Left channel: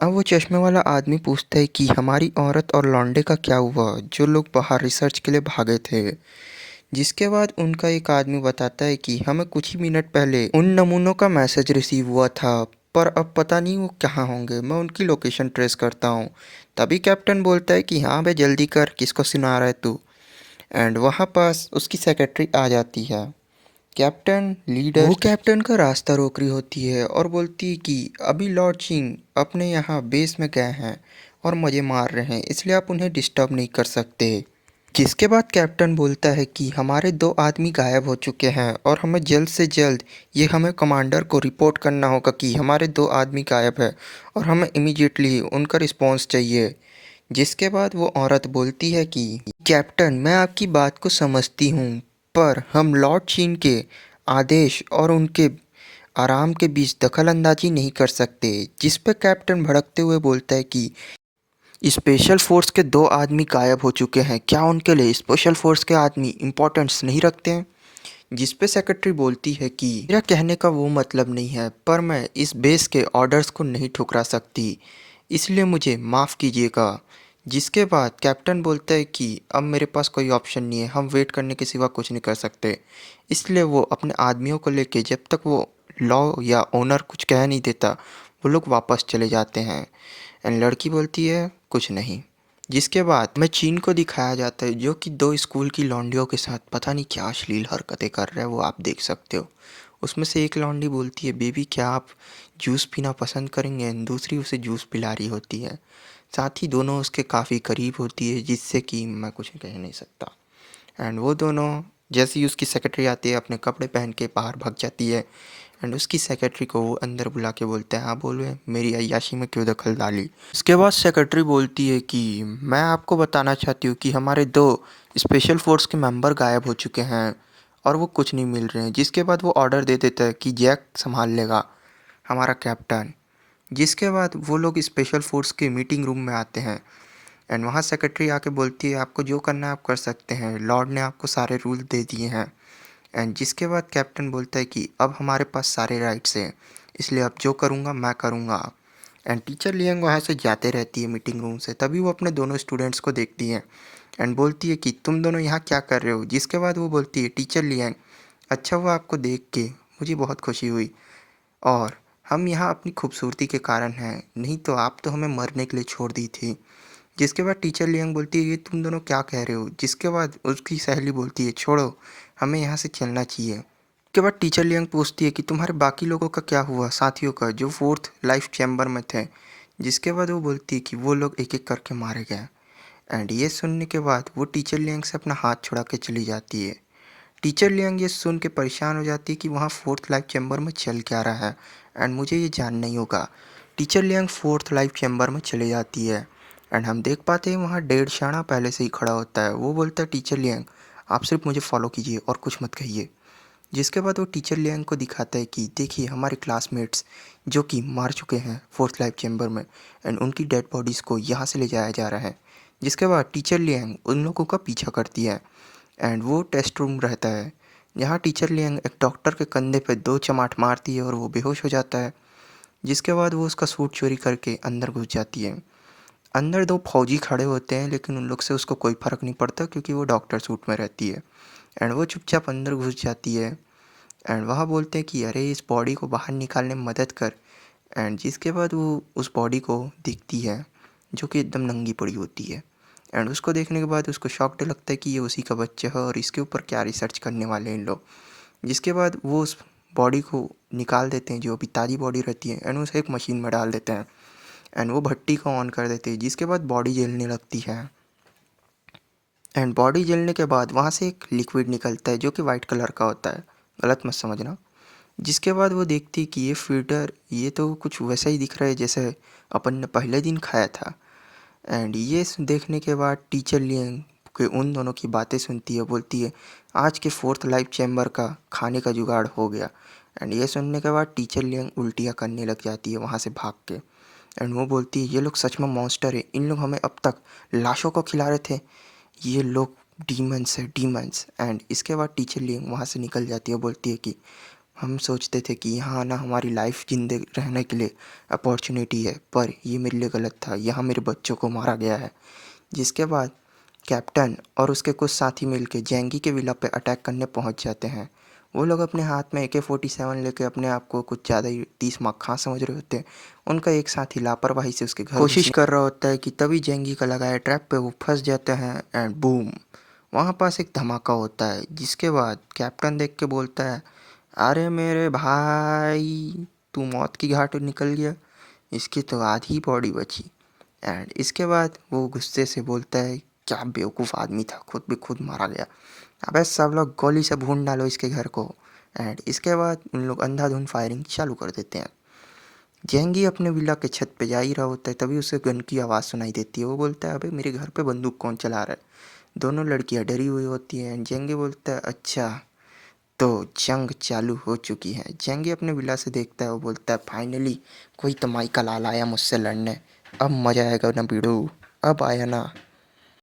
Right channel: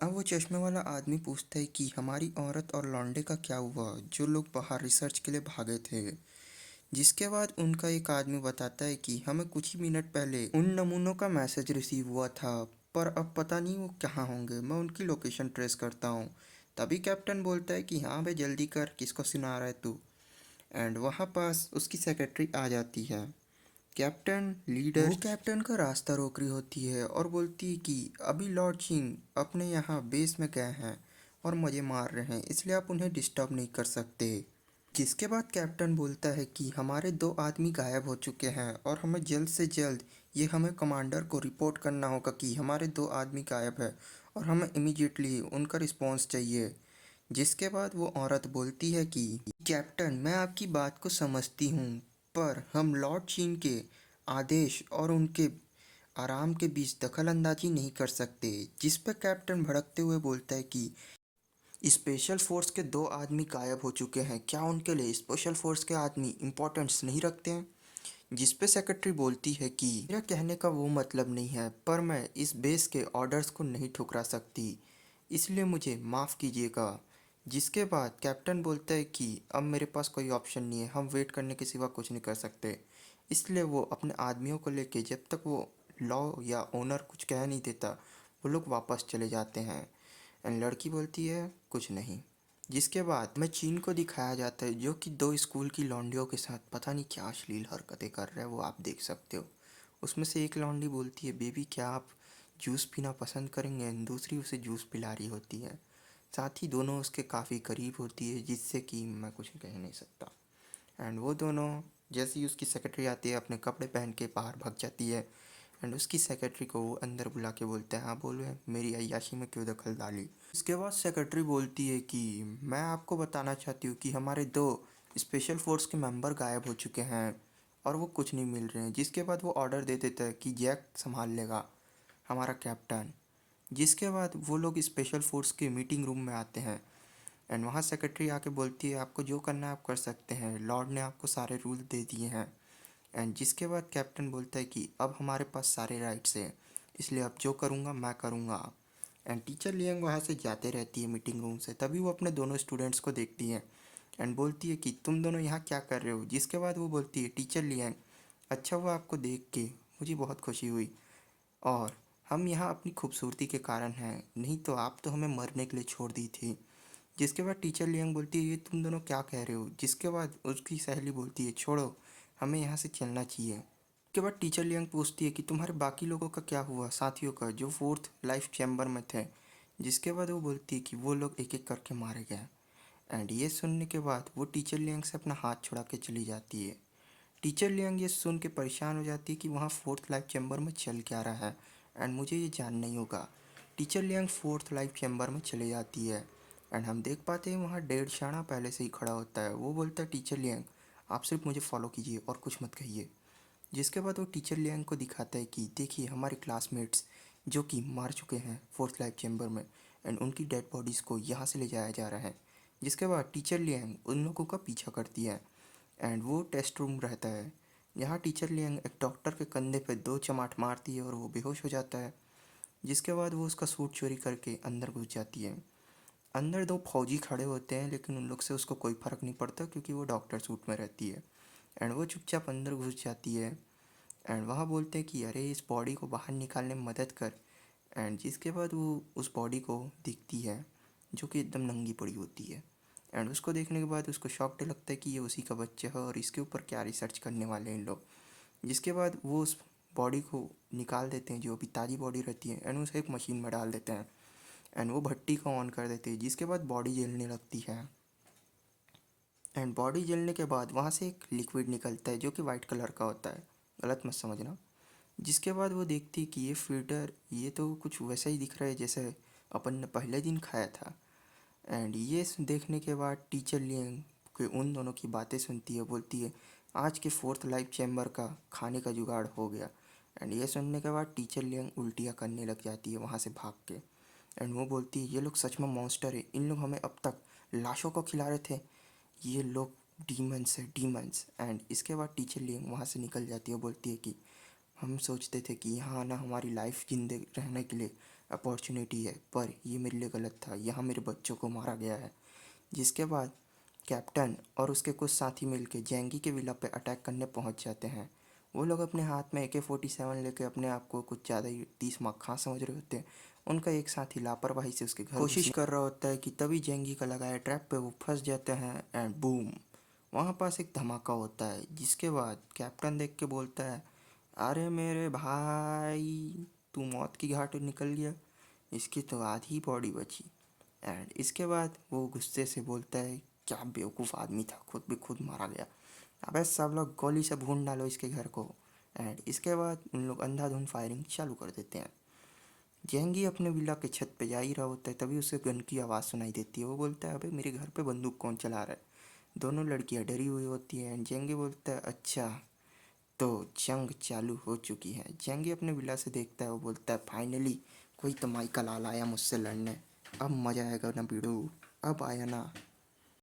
अब वो चश्मे वाला आदमी पूछता है कि हमारी औरत और लौंडे का क्या हुआ जो लोग बाहर रिसर्च के लिए भागे थे। जिसके बाद उनका एक आदमी बताता है कि हमें कुछ ही मिनट पहले उन नमूनों का मैसेज रिसीव हुआ था, पर अब पता नहीं वो कहाँ होंगे। मैं उनकी लोकेशन ट्रेस करता हूँ। तभी कैप्टन बोलता है कि हाँ बे जल्दी कर, किसको सुना रहा है तू। एंड वहाँ पास उसकी सेक्रेटरी आ जाती है। कैप्टन लीडर वो कैप्टन का रास्ता रोक रही होती है और बोलती है कि अभी लॉर्ड चिंग अपने यहाँ बेस में गए हैं और मज़े मार रहे हैं, इसलिए आप उन्हें डिस्टर्ब नहीं कर सकते। जिसके बाद कैप्टन बोलता है कि हमारे 2 आदमी गायब हो चुके हैं और हमें जल्द से जल्द ये हमें कमांडर को रिपोर्ट करना होगा कि हमारे 2 आदमी गायब है और हमें इमीडिएटली उनका रिस्पॉन्स चाहिए। जिसके बाद वो औरत बोलती है कि कैप्टन मैं आपकी बात को समझती हूँ, पर हम लॉर्ड चीन के आदेश और उनके आराम के बीच दखल अंदाजी नहीं कर सकते। जिस पे कैप्टन भड़कते हुए बोलता है कि स्पेशल फोर्स के 2 आदमी गायब हो चुके हैं, क्या उनके लिए स्पेशल फोर्स के आदमी इम्पोर्टेंस नहीं रखते हैं। जिस पे सेक्रेटरी बोलती है कि मेरा कहने का वो मतलब नहीं है, पर मैं इस बेस के ऑर्डर्स को नहीं ठुकरा सकती, इसलिए मुझे माफ़ कीजिएगा। जिसके बाद कैप्टन बोलता है कि अब मेरे पास कोई ऑप्शन नहीं है, हम वेट करने के सिवा कुछ नहीं कर सकते। इसलिए वो अपने आदमियों को लेके जब तक वो लॉ या ओनर कुछ कह नहीं देता, वो लोग वापस चले जाते हैं। एंड लड़की बोलती है कुछ नहीं। जिसके बाद हमें चीन को दिखाया जाता है जो कि 2 स्कूल की लौंडियों के साथ पता नहीं क्या अश्लील हरकतें कर रहा है, वो आप देख सकते हो। उसमें से एक लौंडी बोलती है बेबी क्या आप जूस पीना पसंद करेंगे, एंड दूसरी उसे जूस पिला रही होती है। साथ ही दोनों उसके काफ़ी करीब होती है, जिससे कि मैं कुछ कह नहीं सकता। एंड वो दोनों जैसे ही उसकी सेक्रेटरी आती है अपने कपड़े पहन के बाहर भाग जाती है। एंड उसकी सेक्रेटरी को वो अंदर बुला के बोलता है हाँ बोलो मेरी अय्याशी में क्यों दखल डाली। उसके बाद सेक्रेटरी बोलती है कि मैं आपको बताना चाहती हूँ कि हमारे 2 स्पेशल फोर्स के मेंबर गायब हो चुके हैं और वो कुछ नहीं मिल रहे हैं। जिसके बाद वो ऑर्डर दे देता है कि जैक संभाल लेगा, हमारा कैप्टन। जिसके बाद वो लोग स्पेशल फोर्स के मीटिंग रूम में आते हैं। एंड वहाँ सेक्रेटरी आके बोलती है आपको जो करना है आप कर सकते हैं, लॉर्ड ने आपको सारे रूल दे दिए हैं। एंड जिसके बाद कैप्टन बोलता है कि अब हमारे पास सारे राइट्स हैं, इसलिए अब जो करूँगा मैं करूँगा। एंड टीचर लियांग वहाँ से जाते रहती है मीटिंग रूम से, तभी वो अपने दोनों स्टूडेंट्स को देखती है। एंड बोलती है कि तुम दोनों यहाँ क्या कर रहे हो। जिसके बाद वो बोलती है टीचर लियांग अच्छा हुआ आपको देख के, मुझे बहुत खुशी हुई, और हम यहाँ अपनी खूबसूरती के कारण हैं, नहीं तो आप तो हमें मरने के लिए छोड़ दी थी। जिसके बाद टीचर लियांग बोलती है ये तुम दोनों क्या कह रहे हो। जिसके बाद उसकी सहेली बोलती है छोड़ो, हमें यहाँ से चलना चाहिए। उसके बाद टीचर लियांग पूछती है कि तुम्हारे बाकी लोगों का क्या हुआ, साथियों का जो 4th लाइफ चैम्बर में थे। जिसके बाद वो बोलती है कि वो लोग एक एक करके मारे गए। एंड ये सुनने के बाद वो टीचर लियांग से अपना हाथ छुड़ा के चली जाती है। टीचर लियांग ये सुन के परेशान हो जाती है कि वहाँ 4th लाइफ चैम्बर में चल क्या रहा है, एंड मुझे ये जानना ही होगा। Teacher Liang 4th life chamber में चले जाती है। एंड हम देख पाते हैं वहाँ डेढ़ शाना पहले से ही खड़ा होता है। वो बोलता है टीचर लियांग आप सिर्फ मुझे फॉलो कीजिए और कुछ मत कहिए। जिसके बाद वो टीचर लियांग को दिखाता है कि देखिए हमारे क्लासमेट्स जो कि मार चुके हैं 4th लाइफ चैम्बर में, एंड उनकी डेड बॉडीज़ को यहाँ से ले जाया जा रहा है। जिसके बाद टीचर लियांग उन लोगों का पीछा करती है। एंड वो टेस्ट रूम रहता है जहाँ टीचर लियांग एक डॉक्टर के कंधे पे 2 चमाट मारती है और वो बेहोश हो जाता है। जिसके बाद वो उसका सूट चोरी करके अंदर घुस जाती है। अंदर 2 फौजी खड़े होते हैं, लेकिन उन लोग से उसको कोई फ़र्क नहीं पड़ता क्योंकि वो डॉक्टर सूट में रहती है। एंड वो चुपचाप अंदर घुस जाती है। एंड वहाँ बोलते हैं कि अरे इस बॉडी को बाहर निकालने में मदद कर। एंड जिसके बाद वो उस बॉडी को दिखती है जो कि एकदम नंगी पड़ी होती है। एंड उसको देखने के बाद उसको शॉक्ड लगता है कि ये उसी का बच्चा है और इसके ऊपर क्या रिसर्च करने वाले हैं इन लोग। जिसके बाद वो उस बॉडी को निकाल देते हैं जो अभी ताज़ी बॉडी रहती है, एंड उसे एक मशीन में डाल देते हैं। एंड वो भट्टी को ऑन कर देते हैं। जिसके बाद बॉडी जलने लगती है। एंड बॉडी जलने के बाद वहाँ से एक लिक्विड निकलता है जो कि वाइट कलर का होता है, गलत मत समझना। जिसके बाद वो देखती है कि ये फिल्टर ये तो कुछ वैसा ही दिख रहा है जैसे अपन ने पहले दिन खाया था। एंड ये देखने के बाद टीचर लियांग के उन दोनों की बातें सुनती है, बोलती है आज के 4th लाइफ चैम्बर का खाने का जुगाड़ हो गया। एंड ये सुनने के बाद टीचर लियांग उल्टियाँ करने लग जाती है वहाँ से भाग के। एंड वो बोलती है ये लोग सच में मॉन्स्टर है, इन लोग हमें अब तक लाशों को खिला रहे थे, ये लोग डीमंस है डीमंस। एंड इसके बाद टीचर लियांग वहाँ से निकल जाती है, बोलती है कि हम सोचते थे कि यहाँ ना हमारी लाइफ जिंदे रहने के लिए अपॉर्चुनिटी है, पर ये मेरे लिए गलत था, यहाँ मेरे बच्चों को मारा गया है। जिसके बाद कैप्टन और उसके कुछ साथी मिलकर जेंगी के विला पे अटैक करने पहुंच जाते हैं। वो लोग अपने हाथ में AK-47 लेके अपने आप को कुछ ज़्यादा ही 30 मक्खा समझ रहे होते हैं। उनका एक साथी लापरवाही से उसके घर कोशिश कर रहा होता है कि तभी जेंगी का लगाया ट्रैप पे वो फंस जाते हैं एंड बूम, वहाँ पास एक धमाका होता है। जिसके बाद कैप्टन देख के बोलता है, अरे मेरे भाई, तू मौत की घाट निकल गया, इसकी तो आधी बॉडी बची। एंड इसके बाद वो गुस्से से बोलता है, क्या बेवकूफ़ आदमी था, खुद भी खुद मारा गया, अबे सब लोग गोली से भून डालो इसके घर को। एंड इसके बाद उन लोग अंधाधुंध फायरिंग चालू कर देते हैं। जेंगी अपने विला के छत पे जा ही रहा होता है, तभी उसे गन की आवाज़ सुनाई देती है। वो बोलता है, अबे मेरे घर पे बंदूक कौन चला रहा है। दोनों लड़कियां डरी हुई होती हैं। जेंगी बोलता है, अच्छा तो जंग चालू हो चुकी है। जेंगी अपने विला से देखता है, वो बोलता है, फाइनली कोई तो माई का लाल आया मुझसे लड़ने, अब मजा आएगा ना भिड़ो, अब आया ना।